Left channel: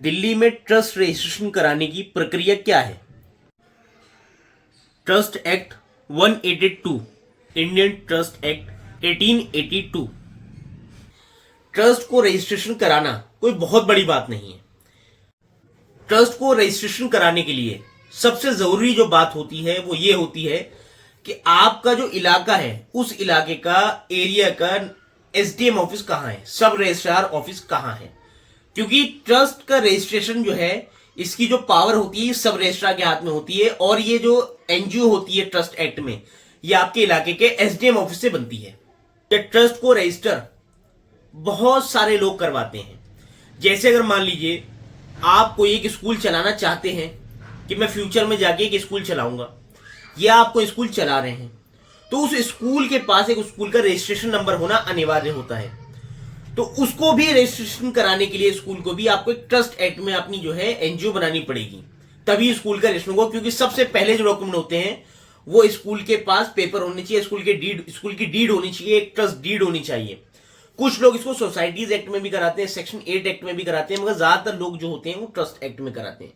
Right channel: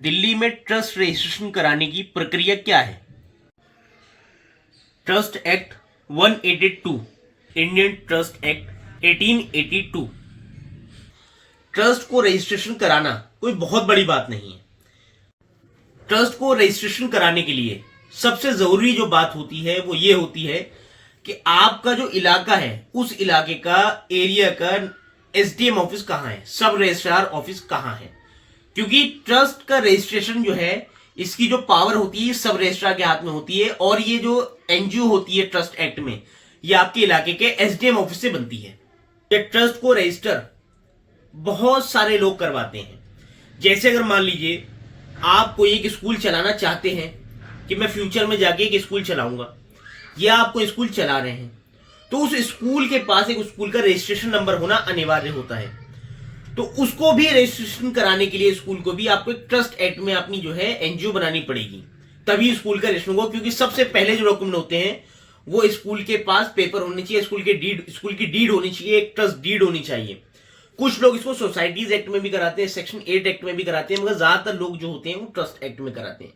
दिल्ली में trust registration कराने की प्रक्रिया क्या है? Trust act 182, Indian trust act 1882। Trust को रजिस्ट्रेशन कराना कोई बहुत बड़ी बात नहीं है। ट्रस्ट को रजिस्ट्रेशन कराने के लिए सबसे जरूरी जो बात होती है वो ये होती है कि आपका जो इलाका है उस इलाके का एरिया का एसडीएम ऑफिस कहाँ है, सब रजिस्ट्रार ऑफिस कहाँ है। क्योंकि ट्रस्ट का रजिस्ट्रेशन जो है इसकी जो पावर होती है सब रजिस्ट्रार के हाथ में होती है, और ये जो एनजीओ होती है ट्रस्ट एक्ट में ये आपके इलाके के एसडीएम ऑफिस से बनती है। ये ट्रस्ट को रजिस्टर बहुत सारे लोग करवाते हैं। जैसे अगर मान लीजिए आप कोई एक स्कूल चलाना चाहते हैं कि मैं फ्यूचर में जाके एक स्कूल चलाऊंगा, या आपको स्कूल चला रहे हैं, तो उस स्कूल के पास एक स्कूल का रजिस्ट्रेशन नंबर होना अनिवार्य होता है। तो उसको भी रजिस्ट्रेशन कराने के लिए स्कूल को भी आपको एक ट्रस्ट एक्ट में अपनी जो है एनजीओ बनानी पड़ेगी, तभी स्कूल का रजिस्ट्रेशन होगा। क्योंकि सबसे पहले जो डॉक्यूमेंट होते हैं वो स्कूल के पास पेपर होने चाहिए, स्कूल की डीड होनी चाहिए, एक ट्रस्ट डीड होनी चाहिए। कुछ लोग इसको सोसाइटीज एक्ट में भी कराते हैं, सेक्शन 8 एक्ट में भी कराते हैं, मगर ज्यादातर लोग जो होते हैं वो ट्रस्ट एक्ट में कराते हैं।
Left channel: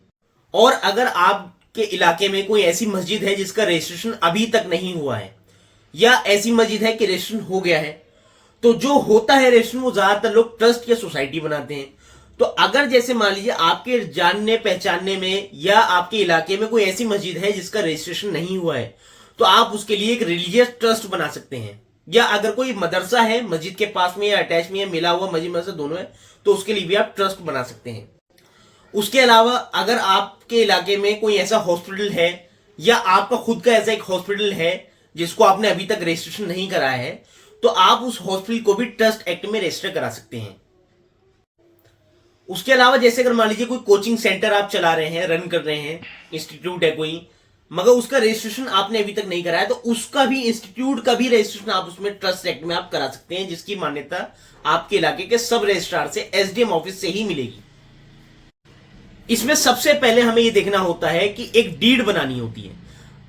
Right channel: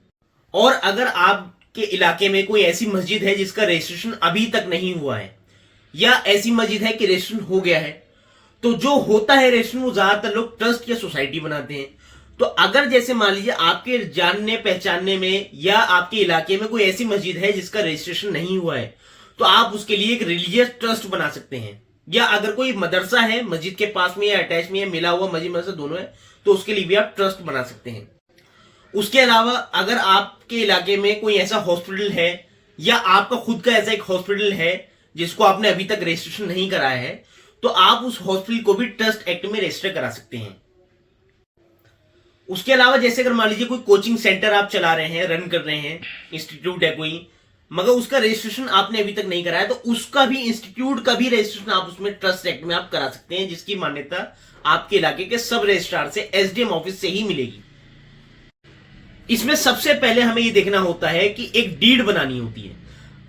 और अगर आपके इलाके में कोई ऐसी मस्जिद है जिसका रजिस्ट्रेशन अभी तक नहीं हुआ है, या ऐसी मस्जिद है कि रजिस्ट्रेशन हो गया है, तो जो होता है रजिस्ट्रेशन वो ज्यादातर लोग ट्रस्ट या सोसाइटी बनाते हैं। तो अगर जैसे मान लीजिए आपके जानने पहचानने में या आपके इलाके में कोई ऐसी मस्जिद है जिसका रजिस्ट्रेशन नहीं हुआ है, तो आप उसके लिए एक रिलीजियस ट्रस्ट बना सकते हैं। या अगर कोई मदरसा है मस्जिद के पास में या अटैच में या मिला हुआ मस्जिद मदरसा दोनों है, तो उसके लिए भी आप ट्रस्ट बना सकते हैं। उसके अलावा अगर आपके इलाके में कोई ऐसा हॉस्पिटल है या आपका खुद का ऐसा एक हॉस्पिटल है जिसको आपने अभी तक रजिस्ट्रेशन नहीं कराया है, तो आप उस हॉस्पिटल को भी ट्रस्ट एक्ट में रजिस्टर करा सकते हैं। उसके अलावा जैसे अगर मान लीजिए कोई कोचिंग सेंटर आप चला रहे हैं, रन कर रहे हैं, इंस्टीट्यूट है कोई, मगर उसका रजिस्ट्रेशन आपने अभी तक नहीं कराया, तो उसका भी इंस्टीट्यूट का भी रजिस्ट्रेशन आप उसमें ट्रस्ट एक्ट में आप करा सकते हैं, जिसकी मान्यता आपके इलाके के सब रजिस्ट्रार से एसडीएम ऑफिस से ही मिलेगी। इसमें सबसे पहले हमें यह देखना होता है कि एक डीड बनानी होती है।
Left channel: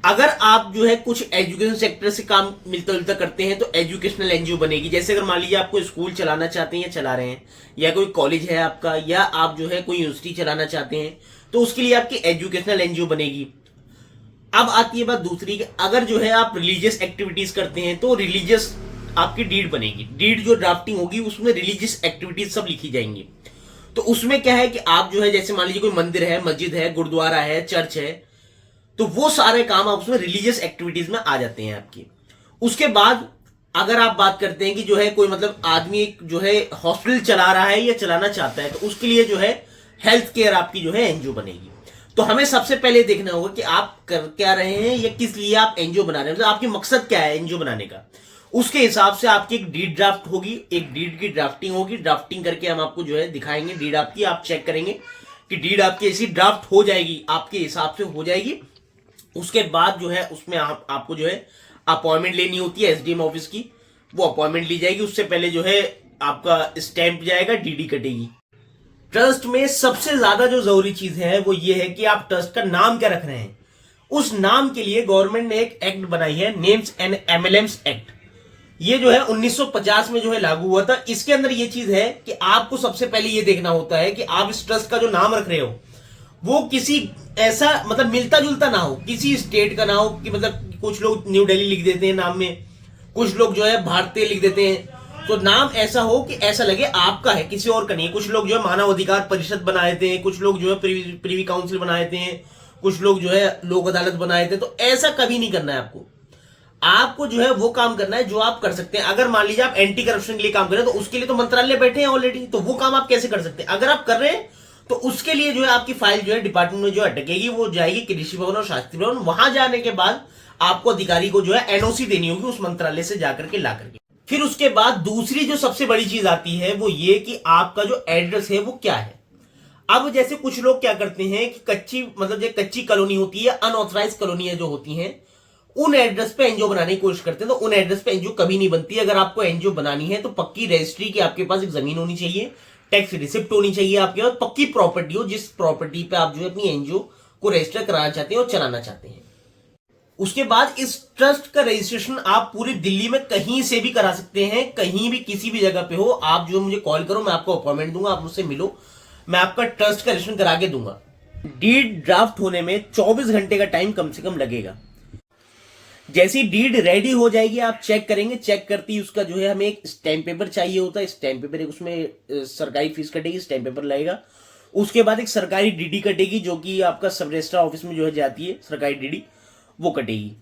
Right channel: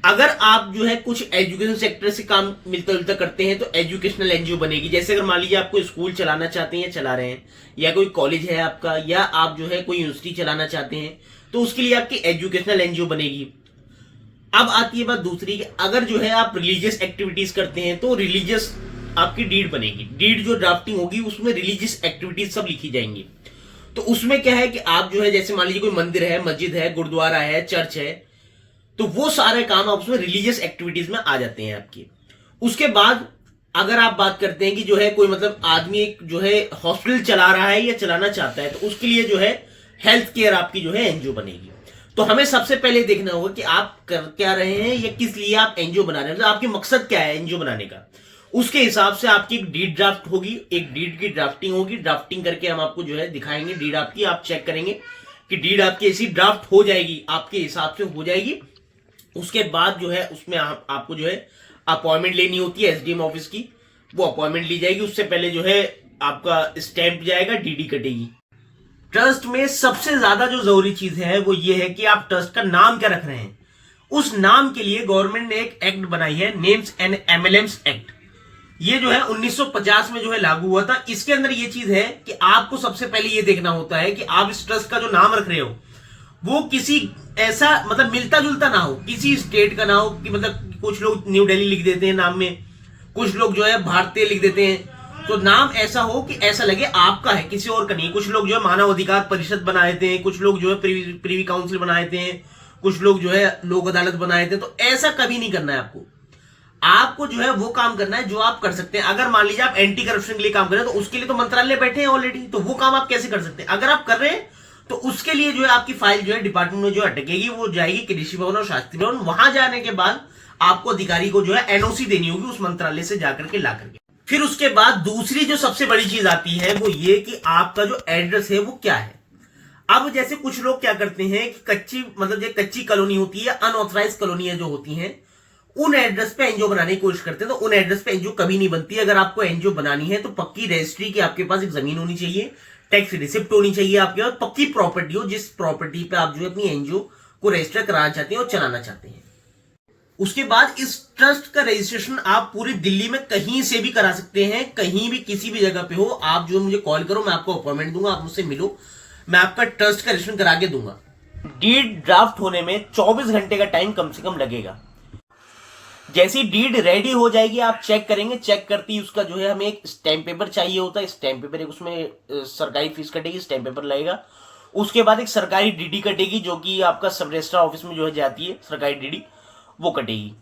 अगर आप जो है कुछ एजुकेशन सेक्टर से काम मिलता जुलता करते हैं तो एजुकेशनल एनजीओ बनेगी। जैसे अगर मान लीजिए आप कोई स्कूल चलाना चाहते हैं या चला रहे हैं, या कोई कॉलेज है आपका, या आप जो है कोई यूनिवर्सिटी चलाना चाहते हैं, तो उसके लिए आपकी एजुकेशनल एनजीओ बनेगी। अब आती है बात दूसरी कि अगर जो है आप रिलीजियस एक्टिविटीज करते हैं तो रिलीजियस आपकी डीड बनेगी। डीड जो ड्राफ्टिंग होगी उसमें रिलीजियस एक्टिविटीज सब लिखी जाएंगी। तो उसमें क्या है कि आप जो है जैसे मान लीजिए कोई मंदिर है, मस्जिद है, गुरुद्वारा है, चर्च है, तो वो सारे काम आप उसमें रिलीजियस एक्टिविटीज में आ जाते हैं आपकी। उसके बाद अगर आप बात करते हैं कि जो है कोई मतलब आदमी जो है हॉस्पिटल चला रहा है या चलाना चाहता है, तो उसके लिए जो है हेल्थ केयर आपकी जो है एनजीओ बनेगी। तो हमें सबसे पहले देखना होगा कि आप कर क्या रहे हैं या किस लिए आप एनजीओ बना रहे हैं, तो आपकी मकसद क्या है एनजीओ बनाने का। उसके हिसाब से आपकी एक डीड ड्राफ्ट होगी, एक डीड की ड्राफ्टिंग होगी। ड्राफ्टिंग करके हम आपको जो है दिखाएंगे डीड आपकी, आप चेक करेंगे कि डीड आपकी ऐसी ड्राफ्ट हो जाएगी, आपके हिसाब से हो जाएगी। उसके बाद जो है उसमें आपको जो है अपॉइंटमेंट लेनी होती है एसडीएम ऑफिस की, वो अपॉइंटमेंट ली जाएगी। उससे पहले जो है आपका स्टैंप जाएगा, डीडी कटेगी। ट्रस्ट में सबसे ज्यादा जो जरूरी चीज है वो ये है कि आप ट्रस्ट का नाम क्या रख रहे हैं। उस नाम के लिए गवर्नमेंट ने एक एक्ट बनाई है, नेम्स एंड एमएलएम्स एक्ट। ये जो है 1950 में जो है लागू हुआ था। इसके अंदर ये चीज है कि आपको सबसे पहले ये देखना होता है कि आप इस ट्रस्ट का जो नाम रख रहे हो वो किसी ऐसा मतलब मिलता जुलता ना हो, किसी स्टेट का ना हो। कि मतलब कुछ लोग न्यू दिल्ली लिख देते हैं नाम में, कुछ लोग जो है भारतीय लिख देते हैं। तो नाम ऐसा हो कि ऐसा लगे आपका है, किसी और का नहीं। कुछ लोग जो है मानव अधिकार परिषद बना देते हैं, कुछ लोग जो है प्रीवी काउंसिल बना देते हैं, कुछ लोग जो है लोक अदालत बना देते हैं। तो ऐसा कभी नहीं करना है आपको। आपको जो है वो काम करना है जो आप कर सकते हैं। अगर मान लीजिए आप एंटी करप्शन के लिए काम कर रहे हैं, तो उसके लिए तो मंत्रालय बैठे हैं ऑलरेडी, तो वो काम आप कैसे कर सकते हैं। अगर आप कर रहे हैं तो उसके लिए जो है आपकी फाइल जो है डिपार्टमेंट में जो अटकेगी, वो जाएगी कृषि भवन और शास्त्री भवन। वहां जाने के बाद आपको अधिकारी को जो है एनओसी देनी होगी उस मंत्रालय से जाकर के ला करके। फिर उसके बाद दूसरी जो सबसे बड़ी चीज आती है वो ये कि आपका जो एड्रेस है वो क्या है। अब जैसे कुछ लोग क्या करते हैं कि कच्ची मतलब जो कच्ची कॉलोनी होती है, अनऑथराइज कॉलोनियां जो होती हैं, उन एड्रेस पे एनजीओ बनाने की कोशिश करते हैं। तो उन एड्रेस पे एनजीओ कभी नहीं बनती। अगर आपको एनजीओ बनानी है तो पक्की रजिस्ट्री की आपके पास एक जमीन होनी चाहिए, टैक्स रिसिप्ट होनी चाहिए आपके पास, पक्की प्रॉपर्टी हो जिस प्रॉपर्टी पे आप जो है अपनी एनजीओ को रजिस्टर कराना चाहते हैं और चलाना चाहते हैं। उसके बाद इस ट्रस्ट का रजिस्ट्रेशन आप पूरी दिल्ली में कहीं से भी करा सकते हैं, कहीं भी किसी भी जगह पे हो। आप जो मुझे कॉल करो, मैं आपको अपॉइंटमेंट दूंगा, आप मुझसे मिलो। मैं आपका ट्रस्ट का रजिस्ट्रेशन करा के दूंगा। डीड ड्राफ्ट होने में 24 घंटे का टाइम कम से कम लगेगा। जैसी डीड रेडी हो जाएगी आप चेक करेंगे, चेक करती उसका जो है हमें एक स्टैम्प पेपर चाहिए होता है, स्टैम्प पेपर एक उसमें सरकारी फीस कटेगी, स्टैम्प पेपर लगेगा। उसके बाद एक सरकारी डीडी कटेगी जो कि आपका सब रजिस्ट्रार ऑफिस में जो है जाती है, सरकारी डीडी वो कटेगी।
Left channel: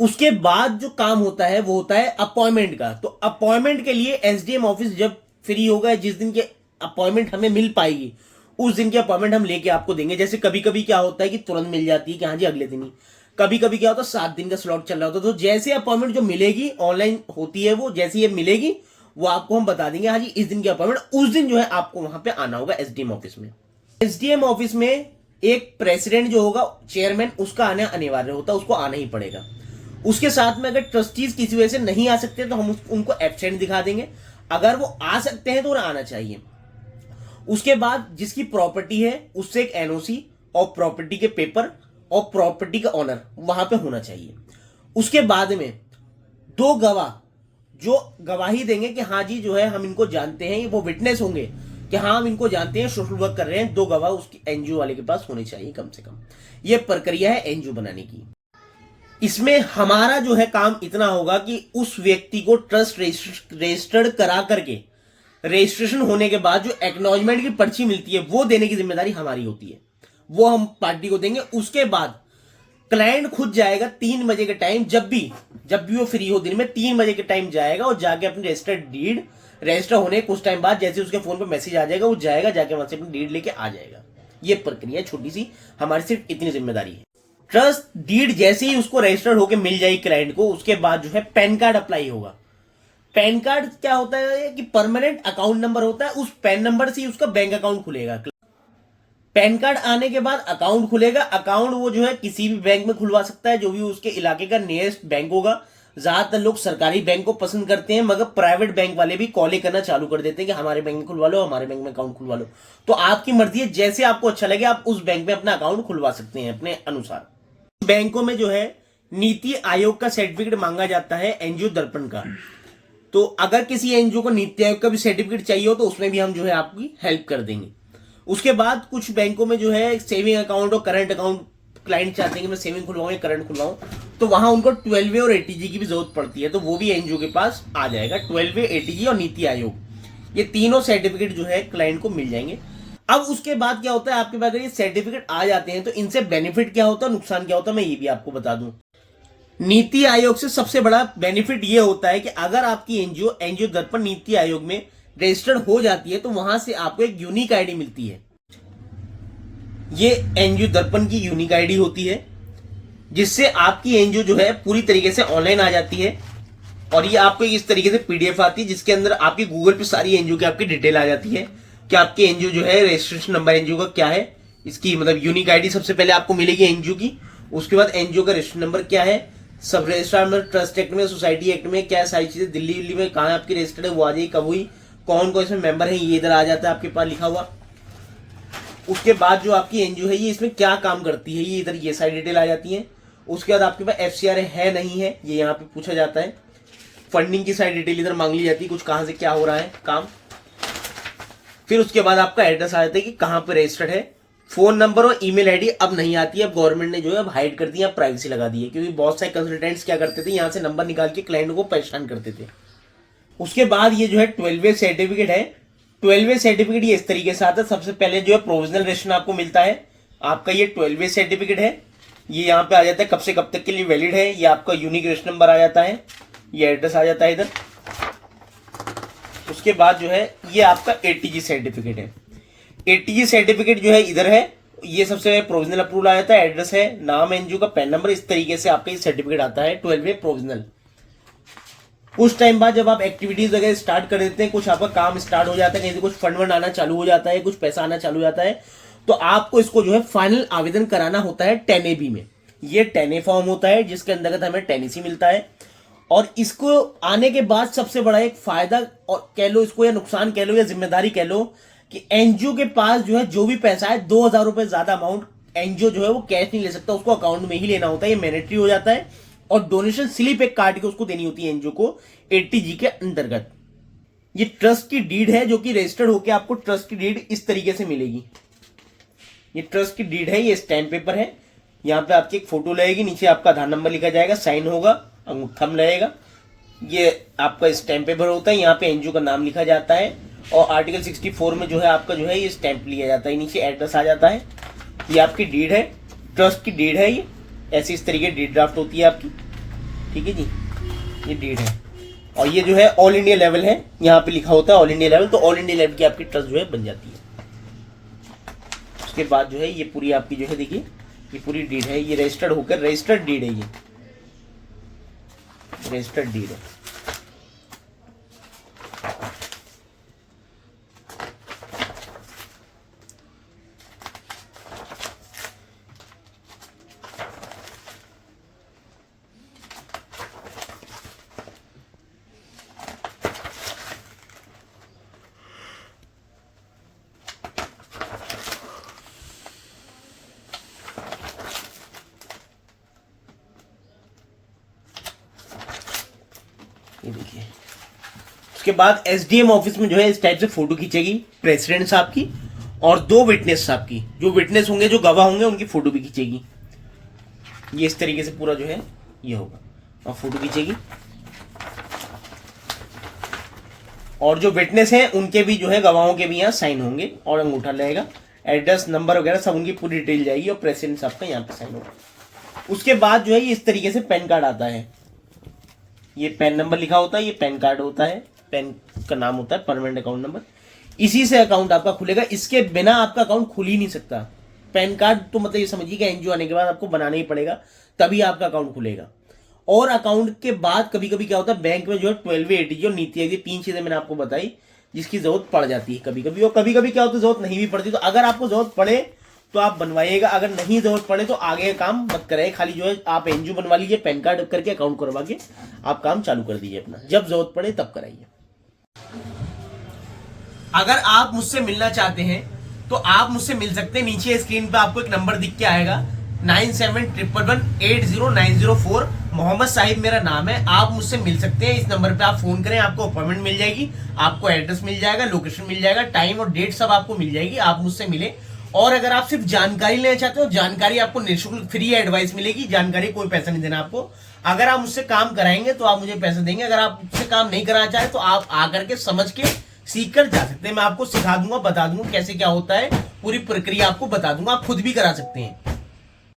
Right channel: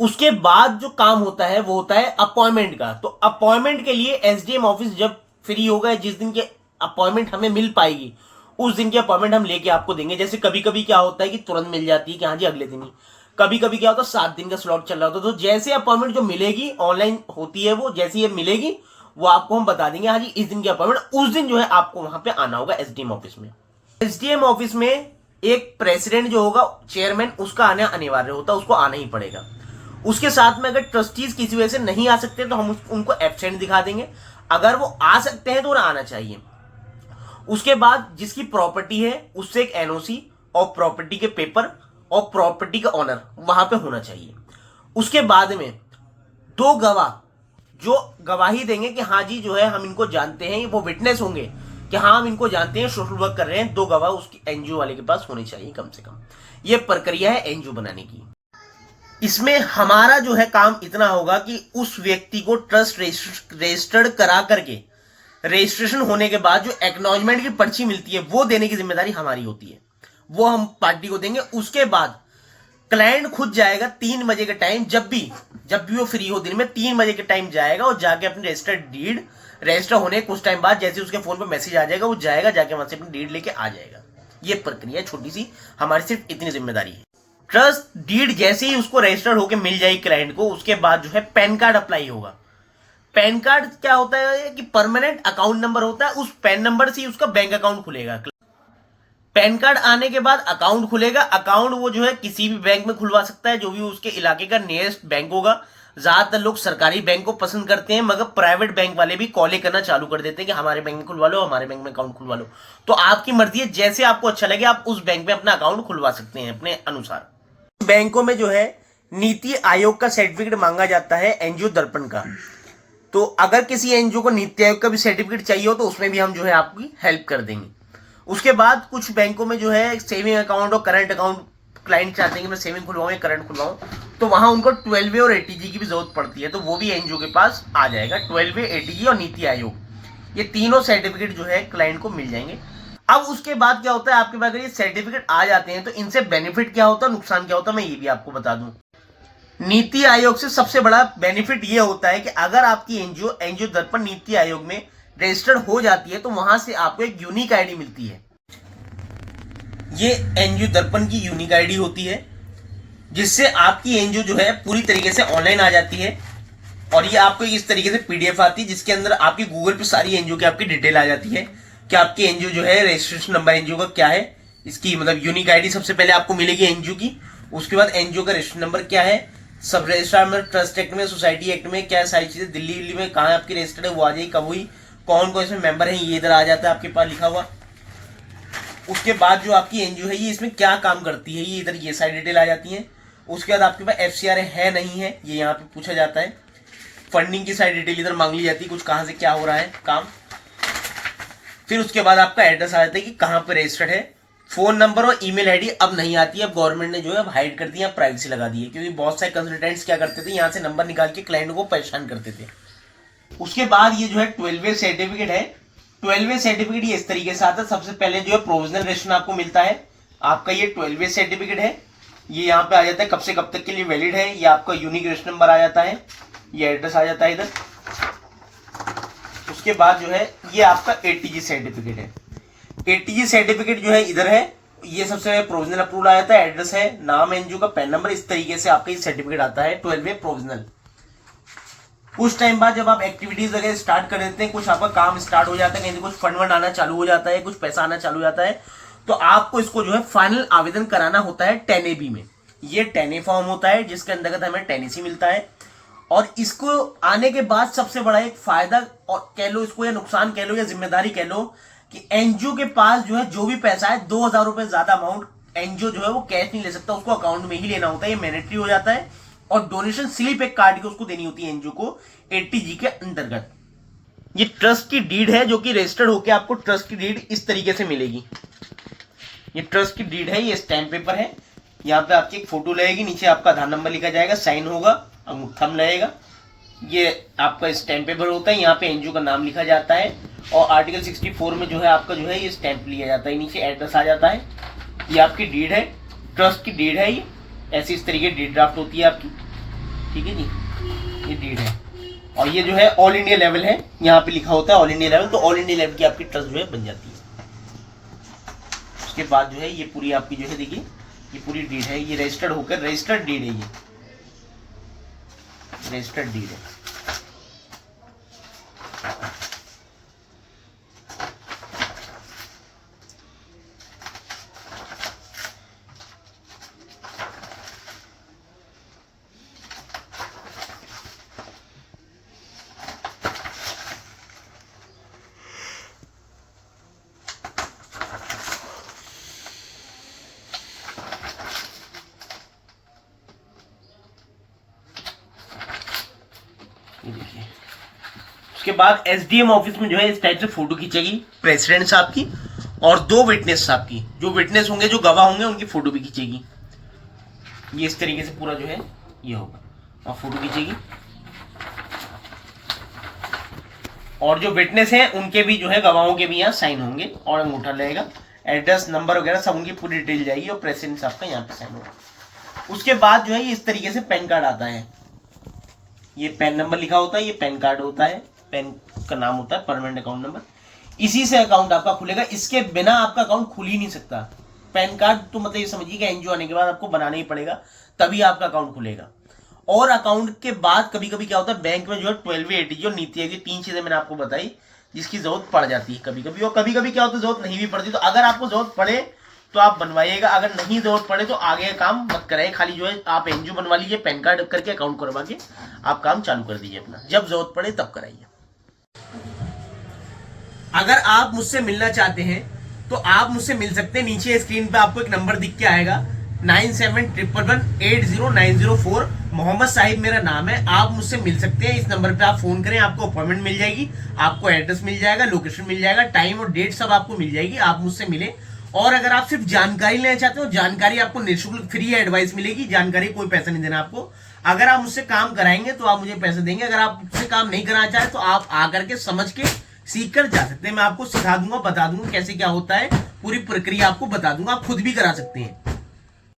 उसके बाद जो काम होता है वो होता है अपॉइंटमेंट का। तो अपॉइंटमेंट के लिए एसडीएम ऑफिस जब फ्री होगा, जिस दिन के अपॉइंटमेंट हमें मिल पाएगी उस दिन की अपॉइंटमेंट हम लेके आपको देंगे। जैसे कभी कभी क्या होता है कि तुरंत मिल जाती है कि हाँ जी अगले दिन ही, कभी कभी क्या होता है 7 दिन का स्लॉट चल रहा होता है। तो जैसे अपॉइंटमेंट जो मिलेगी ऑनलाइन होती है, वो जैसे ये मिलेगी वो आपको हम बता देंगे, हाँ जी इस दिन की अपॉइंटमेंट, उस दिन जो है आपको वहां पे आना होगा एसडीएम ऑफिस में। एसडीएम ऑफिस में एक प्रेसिडेंट जो होगा, चेयरमैन, उसका आना अनिवार्य होता है, उसको आना ही पड़ेगा। उसके साथ में अगर ट्रस्टीज किसी वजह से नहीं आ सकते तो हम उनको एब्सेंट दिखा देंगे, अगर वो आ सकते हैं तो उन्हें आना चाहिए। उसके बाद जिसकी प्रॉपर्टी है उससे एक एनओसी और प्रॉपर्टी के पेपर और प्रॉपर्टी का ऑनर वहां पे होना चाहिए। उसके बाद में 2 गवाह जो गवाही देंगे कि हाँ जी जो है हम इनको जानते हैं, वो विटनेस होंगे कि हाँ हम इनको जानते हैं, सोशल वर्क कर रहे हैं, 2 गवाह उसकी एनजीओ वाले के पास होने चाहिए कम से कम। ये प्रक्रिया है एनजीओ बनाने की। इसमें हमारा जो है काम इतना होगा कि उस व्यक्ति को ट्रस्ट रजिस्टर्ड करा करके रजिस्ट्रेशन होने के बाद जो एक्नॉलेजमेंट की पर्ची मिलती है वो देने की जिम्मेदारी हमारी होती है, वो हम पार्टी को देंगे। उसके बाद क्लाइंट खुद जाएगा 3 बजे के टाइम, जब भी वो फ्री हो दिन में 3 बजे के टाइम जाएगा और जाके अपनी रजिस्टर्ड डीड रजिस्टर होने कुछ टाइम बाद जैसे उसके फोन पे मैसेज आ जाएगा वो जाएगा, जाके वहां से अपनी डीड लेके आ जाएगा। ये प्रक्रिया छोटी सी, हमारी सिर्फ इतनी जिम्मेदारी है। ट्रस्ट डीड जैसे ही उसको रजिस्टर्ड होकर मिल जाएगी क्लाइंट को, उसके बाद जो है पैन कार्ड अप्लाई होगा। पैन कार्ड क्या होता है कि परमानेंट अकाउंट नंबर होता है, उस पैन नंबर से ही उसका बैंक अकाउंट खुलेगा। पैन कार्ड आने के बाद अकाउंट खुलेगा। अकाउंट वो जो है किसी भी बैंक में खुलवा सकता है, जो भी उसके इलाके का नियरेस्ट बैंक होगा। ज्यादातर लोग सरकारी बैंक को पसंद करते हैं, मगर प्राइवेट बैंक वाले भी कॉल करना चालू कर देते हैं कि हमारे बैंक में खुलवा लो, हमारे बैंक में अकाउंट खुलवा लो। तो आपकी मर्जी है, जैसे आपको अच्छा लगे आप उस बैंक में अपना अकाउंट खुलवा सकते हैं अपने अनुसार। बैंकों में जो है नीति आयोग का सर्टिफिकेट मांगा जाता है एनजीओ दर्पण का। तो अगर किसी एनजीओ को नीति आयोग का भी सर्टिफिकेट चाहिए हो तो उसमें भी हम जो है आपकी हेल्प कर देंगे। उसके बाद कुछ बैंकों में जो है सेविंग अकाउंट और करंट अकाउंट, क्लाइंट चाहते हैं कि मैं सेविंग खुलवाऊं या करंट खुलवाऊं, तो वहां उनको 12वे और एटीजी की भी जरूरत पड़ती है, तो वो भी एनजीओ के पास आ जाएगा। 12वे, एटीजी और नीति आयोग, ये तीनों सर्टिफिकेट जो है क्लाइंट को मिल जाएंगे। अब उसके बाद क्या होता है, आपके पास अगर ये सर्टिफिकेट आ जाते हैं तो इनसे बेनिफिट क्या होता है, नुकसान क्या होता है, मैं ये भी आपको बता दूं। नीति आयोग से सबसे बड़ा बेनिफिट ये होता है कि अगर आपकी एनजीओ दर्पण नीति आयोग में रजिस्टर्ड हो जाती है तो वहां से आपको एक यूनिक आईडी मिलती है। ये एनजीओ दर्पण की यूनिक आईडी होती है, जिससे आपकी एनजीओ जो है पूरी तरीके से ऑनलाइन आ जाती है। और ये आपको इस तरीके से पीडीएफ आती है जिसके अंदर आपकी गूगल पे सारी एनजीओ की आपकी डिटेल आ जाती है कि आपकी एनजीओ जो है रजिस्ट्रेशन नंबर एनजीओ का क्या है, इसकी मतलब यूनिक आईडी सबसे पहले आपको मिलेगी एनजीओ की। उसके बाद एनजीओ का रजिस्ट्रेशन नंबर क्या है, सब रजिस्ट्रार में, ट्रस्ट एक्ट में, सोसाइटी एक्ट में क्या सारी चीजें, दिल्ली में कहाँ आपकी रजिस्टर्ड है वो आ जाएगी, कब हुई, कौन कौन इसमें मेंबर है, ये इधर आ जाता है आपके पास लिखा हुआ। उसके बाद जो आपकी एनजीओ है ये इसमें क्या काम करती है, ये इधर ये सारी डिटेल आ जाती है। उसके बाद आपके पास एफसीआर है नहीं है ये यहाँ पे पूछा जाता है। फंडिंग की सारी डिटेल इधर मांग ली जाती है, कुछ कहाँ से क्या हो रहा है काम। फिर उसके बाद आपका एड्रेस आ जाता है कि कहाँ पे रजिस्टर्ड है। फोन नंबर और ईमेल आईडी अब नहीं आती है, अब गवर्नमेंट ने जो है हाइड कर दिया, प्राइवेसी लगा दी है, क्योंकि बहुत सारे कंसल्टेंट्स क्या करते थे, यहाँ से नंबर निकाल के क्लाइंट को परेशान करते थे। उसके बाद ये जो है 12वे सर्टिफिकेट है। 12वे सर्टिफिकेट ये इस तरीके से आता है, सबसे पहले जो है प्रोविजनल रजिस्ट्रेशन आपको मिलता है, आपका ये 12वे सर्टिफिकेट है। ये यहाँ पे आ जाता है कब से कब तक के लिए वैलिड है, ये आपका यूनिक रजिस्ट्रेशन नंबर आ जाता है, ये एड्रेस आ जाता है इधर। उसके बाद जो है ये आपका एटीजी सर्टिफिकेट है। एटीजी सर्टिफिकेट जो है इधर है, ये सबसे प्रोविजनल अप्रूवल आ जाता है, एड्रेस है, नाम एनजीओ का, पैन नंबर, इस तरीके से आपका ये सर्टिफिकेट आता है 12वे प्रोविजनल। कुछ टाइम बाद जब आप एक्टिविटीज वगैरह स्टार्ट कर देते हैं, कुछ आपका काम स्टार्ट हो जाता है, कहीं से कुछ फंड वंड आना चालू हो जाता है, कुछ पैसा आना चालू हो जाता है, तो आपको इसको जो है फाइनल आवेदन कराना होता है 10AB में। ये 10A फॉर्म होता है जिसके अंतर्गत हमें 10AC मिलता है। और इसको आने के बाद सबसे बड़ा एक फायदा और कह लो इसको, या नुकसान कह लो, या जिम्मेदारी कह लो, कि एनजीओ के पास जो है जो भी पैसा है 2000 रुपए ज्यादा अमाउंट एनजीओ जो है वो कैश नहीं ले सकता, उसको अकाउंट में ही लेना होता है, ये मैंडेटरी हो जाता है। और डोनेशन स्लिप एक काट के उसको देनी होती है एनजीओ को एटीजी के अंतर्गत। ये ट्रस्ट की डीड है जो कि रजिस्टर्ड होकर आपको ट्रस्ट की डीड इस तरीके से मिलेगी। ये ट्रस्ट की डीड है, ये स्टैम्प पेपर है। यहाँ पे आपकी एक फोटो लगेगी, नीचे आपका आधार नंबर लिखा जाएगा, साइन होगा, थंब लगेगा। ये आपका स्टैम्प पेपर होता है, यहाँ पे एनजीओ का नाम लिखा जाता है और आर्टिकल 64 में जो है आपका जो है ये स्टैम्प लिया जाता है, नीचे एड्रेस आ जाता है। ये आपकी डीड है, ट्रस्ट की डीड है। ये ऐसी इस तरीके डीड ड्राफ्ट होती है आपकी, ठीक है जी, ये डीड है। और ये जो है ऑल इंडिया लेवल है, यहाँ पे लिखा होता है ऑल इंडिया लेवल, तो ऑल इंडिया लेवल की आपकी ट्रस्ट जो है बन जाती है। उसके बाद जो है ये पूरी आपकी जो है देखिए ये पूरी डीड है, ये रजिस्टर्ड होकर रजिस्टर्ड डीड है, ये रजिस्टर्ड डीड है। ये देखिए। उसके बाद एसडीएम ऑफिस में जो है इस टाइप से फोटो खींचेगी प्रेसिडेंट साहब की और 2 विटनेस साहब की, जो विटनेस होंगे जो गवाह होंगे उनकी फोटो भी खींचेगी। ये इस तरीके से पूरा जो है ये होगा और फोटो खींचेगी। और जो विटनेस हैं उनके भी जो है गवाहों के भी यहाँ साइन होंगे और अंगूठा लगेगा, एड्रेस नंबर वगैरह सब उनकी पूरी डिटेल जाएगी और प्रेसिडेंट साहब का यहाँ पे साइन होगा। उसके बाद जो है ये इस तरीके से पैन कार्ड आता है, ये पैन नंबर लिखा होता है, ये पैन कार्ड होता है, पैन का नाम होता है परमानेंट अकाउंट नंबर, इसी से अकाउंट आपका खुलेगा। इसके बिना आपका अकाउंट खुल ही नहीं सकता। पैन कार्ड तो मतलब ये समझिए कि एनजीओ आने के बाद आपको बनाना ही पड़ेगा, तभी आपका अकाउंट खुलेगा। और अकाउंट के बाद कभी कभी क्या होता है बैंक में जो है 12 ATG और नीति आयोग, 3 चीजें मैंने आपको बताई जिसकी जरूरत पड़ जाती है कभी कभी, और कभी कभी क्या होता है जरूरत नहीं भी पड़ती। तो अगर आपको जरूरत पड़े तो आप बनवाइएगा, अगर नहीं जरूरत पड़े तो आगे काम मत कराइए। खाली जो है आप एनजीओ बनवा लीजिए, पैन कार्ड करके अकाउंट करवा के आप काम चालू कर दीजिए अपना, जब जरूरत पड़े तब कराइए। अगर आप मुझसे मिलना चाहते हैं तो आप मुझसे मिल सकते हैं। नीचे स्क्रीन पे आपको एक नंबर दिख के आएगा 9711180904। मोहम्मद साहिब मेरा नाम है, आप मुझसे मिल सकते हैं। इस नंबर पे आप फोन करें, आपको अपॉइंटमेंट मिल जाएगी, आपको एड्रेस मिल जाएगा, लोकेशन मिल जाएगा, टाइम और डेट सब आपको मिल जाएगी, आप मुझसे मिले। और अगर आप सिर्फ जानकारी लेना चाहते हो, जानकारी आपको निःशुल्क फ्री एडवाइस मिलेगी, जानकारी कोई पैसा नहीं देना आपको। अगर आप मुझसे काम कराएंगे तो आप मुझे पैसे देंगे, अगर आप मुझसे काम नहीं कराना चाहते तो आप आकर के समझ के सीख कर जा सकते हैं। मैं आपको सिखा दूंगा, बता दूंगा कैसे क्या होता है, पूरी प्रक्रिया आपको बता दूंगा, आप खुद भी करा सकते हैं।